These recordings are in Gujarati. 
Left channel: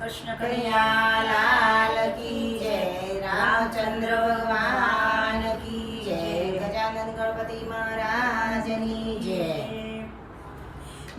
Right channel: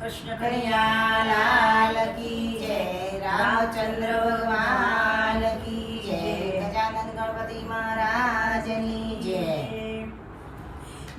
કૃષ્ણ કનૈયા લાલ કી જય, રામચંદ્ર ભગવાન કી જય, ગજાનંદ ગણપતિ મહારાજની જય.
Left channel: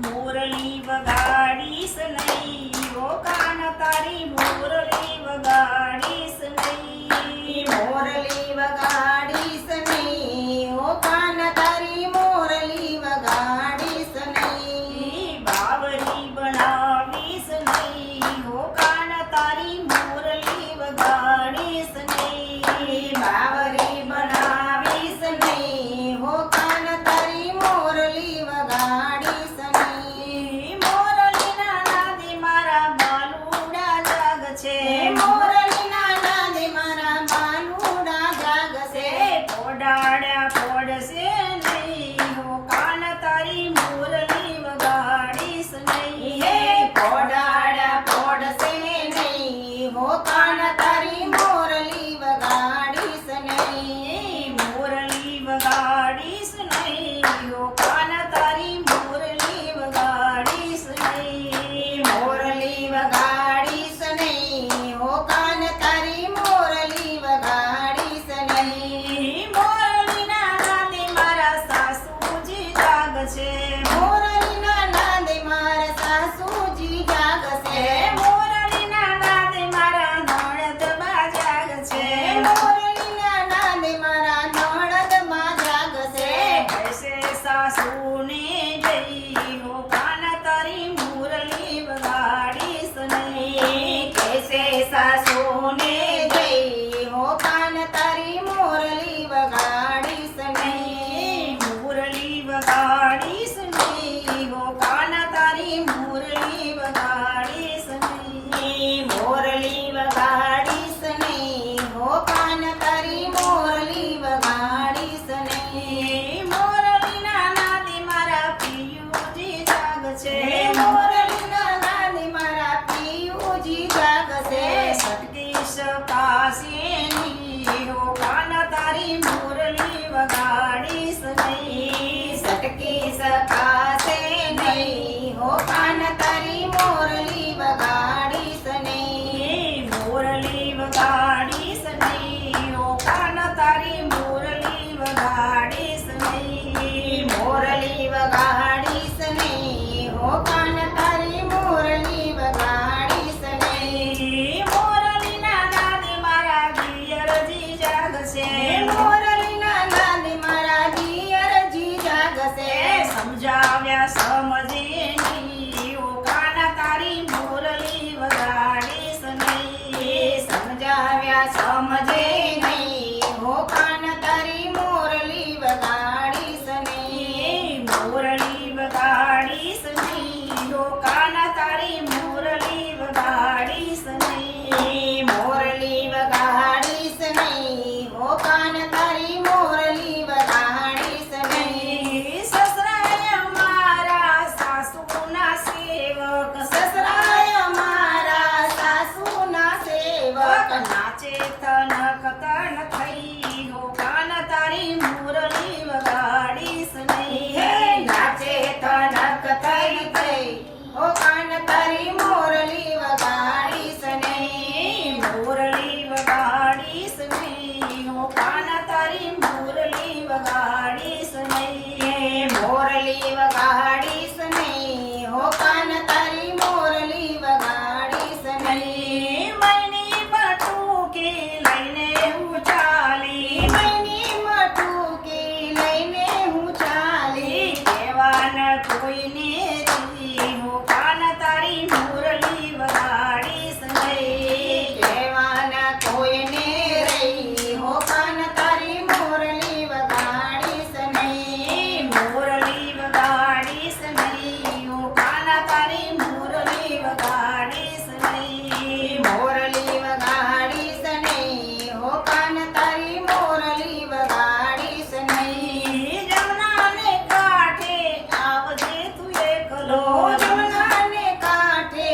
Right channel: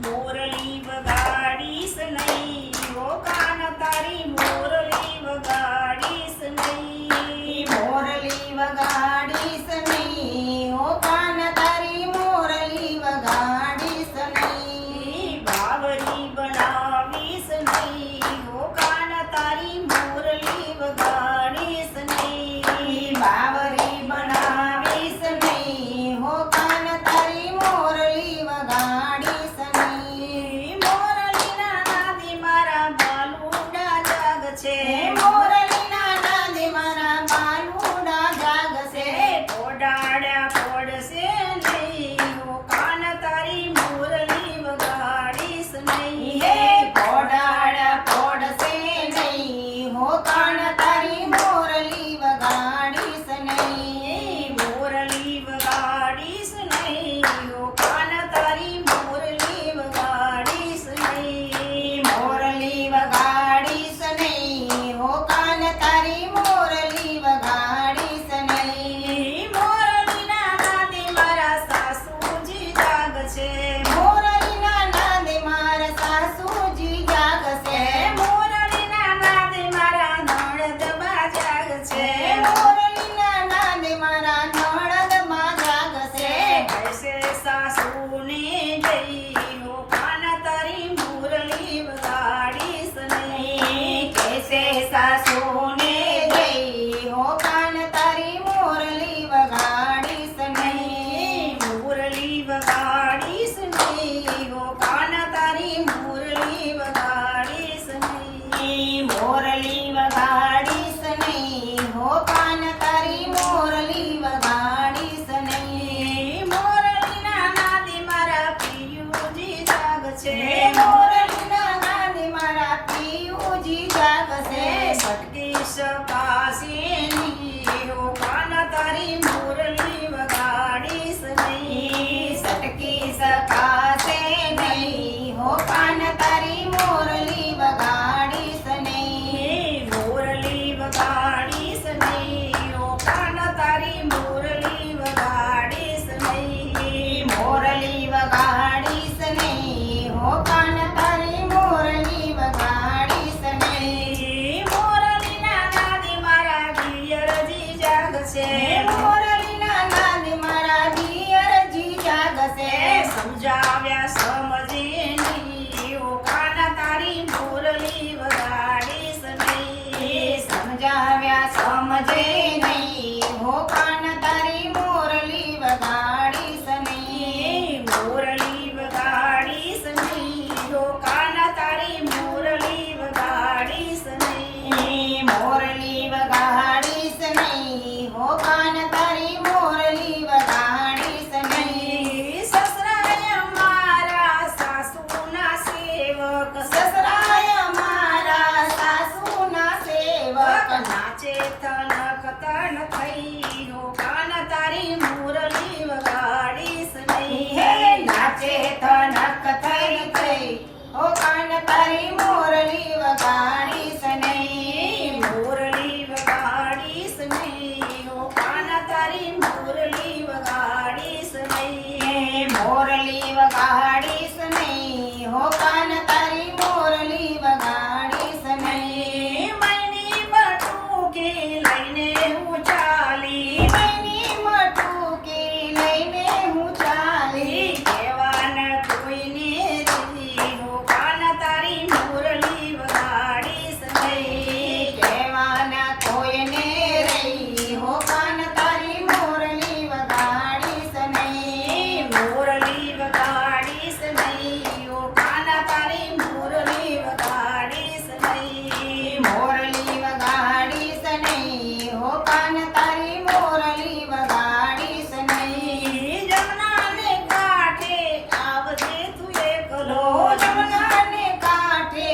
મોરલી વગાડીશ નહીં, ઓ કાન તારી મોરલી વગાડીશ નહીં. મોરલી વગાડીશ નહીં, ઓ કાન તારી મોરલી વગાડીશ નહીં. બાવરી બનાવીશ નહીં, ઓ કાન તારી મોરલી વગાડીશ નહીં. બાવરી બનાવીશ નહીં, હો કાન તારી મોરલી વગાડીશ નહીં. મોરલીના નાદે મારા બાલુડા જાગશે. મોરલીના નાદે મારા બાલુડા જાગશે. પોડાડ્યા પોડશે નહીં, ઓ કાન તારી મોરલી વગાડીશ નહીં. હે પોડાડા પોડશે નહીં, હો કાન તારી મોરલી વગાડીશ નહીં. મોરલી વગાડીશ નહીં, ઓ કાન તારી મોરલી વગાડીશ નહીં. મોરલી વગાડીશ નહીં, હો કાન તારી મોરલી વગાડીશ નહીં. મોરલીના નાદે મારા સાસુજી જાગશે. મોરલીના નાદે મારા સાસુજી જાગશે. મોરલીના નાદે મારા નણંદબા જાગશે. મોરલીના નાદે મારા નણંદમાં જાગશે. કૈસે સાસુને જઈ, ઓ કાન તારી મોરલી વગાડીશ નહીં. કેસે સાસુને જઈ, હો કાન તારી મોરલી વગાડીશ નહીં. મોરલી વગાડીશ નહીં, ઓ કાન તારી મોરલી વગાડીશ નહીં. મોરલી વગાડીશ નહીં, હો કાન તારી મોરલી વગાડીશ નહીં. મોરલીના નાદે મારા પિયુજી જાગશે. મોરલીના નાદે મારા પિયુજી જાગશે. સતીશ કાશીની, ઓ કાન તારી મોરલી વગાડીશ નહીં. સટકી સકાશે નહીં, હો કાન તારી મોરલી વગાડીશ નહીં. મોરલી વગાડીશ નહીં, ઓ કાન તારી મોરલી વગાડીશ નહીં. મોરલી વગાડીશ નહીં, હો કાન તારી મોરલી વગાડીશ નહીં. મોરલીના નાદે મારા પિયરજી જાગશે. મોરલીના નાદે મારા દિયરજી જાગશે. સમજાવ્યા સમજે નહીં, ઓ કાન તારી મોરલી વગાડીશ નહીં. સમજાવ્યા સમજે નહીં, હો કાન તારી મોરલી વગાડીશ નહીં. મોરલી વગાડીશ નહીં, ઓ કાન તારી મોરલી વગાડીશ નહીં. મોરલી વગાડીશ નહીં, હો કાન તારી મોરલી વગાડીશ નહીં. સસરાય મારા સાસુના સેવક. સસરાય મારા સાસુના સેવક. નાચે તનક તન થઈ, ઓ કાન તારી મોરલી વગાડીશ નહીં. હે નાચે તનક થઈ થઈ, હો કાન તારી મોરલી વગાડીશ નહીં. મોરલી વગાડીશ નહીં, ઓ કાન તારી મોરલી વગાડીશ નહીં. મોરલી વગાડીશ નહીં, હો કાન તારી મોરલી વગાડીશ નહીં. મૈની બટુકી લઈને હું ચાલી. મૈની મટુકી લઈને હું ચાલી. કહેવાના કોઈને રી, ઓ કાન તારી મોરલી વગાડીશ નહીં. કહેવાના કોઈને રહી, હો કાન તારી મોરલી વગાડીશ નહીં. મોરલી વગાડીશ નહીં, ઓ કાન તારી મોરલી વગાડીશ નહીં. મોરલી વગાડીશ નહીં, હો કાન તારી મોરલી વગાડીશ નહીં. જમનાને કાંઠે આવજે તું એકલો. જમનાને કાંઠે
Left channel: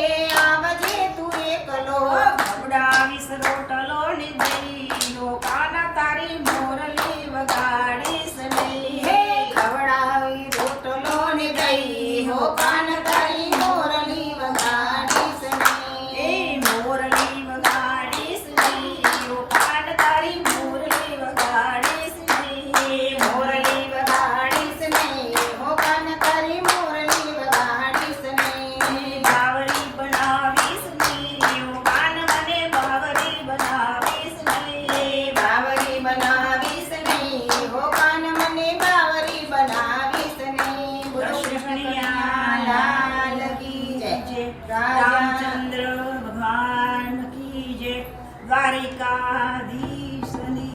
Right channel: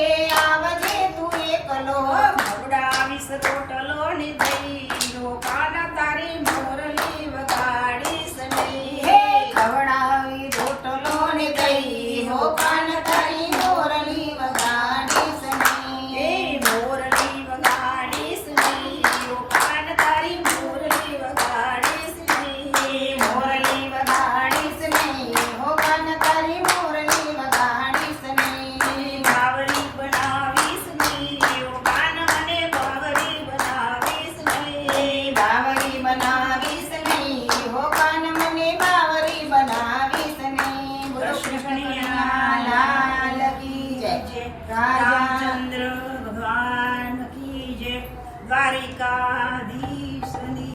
કૃષ્ણ લાલ કી જય. રામચંદ્ર ભગવાન કી જય. દ્વારિકાધીશ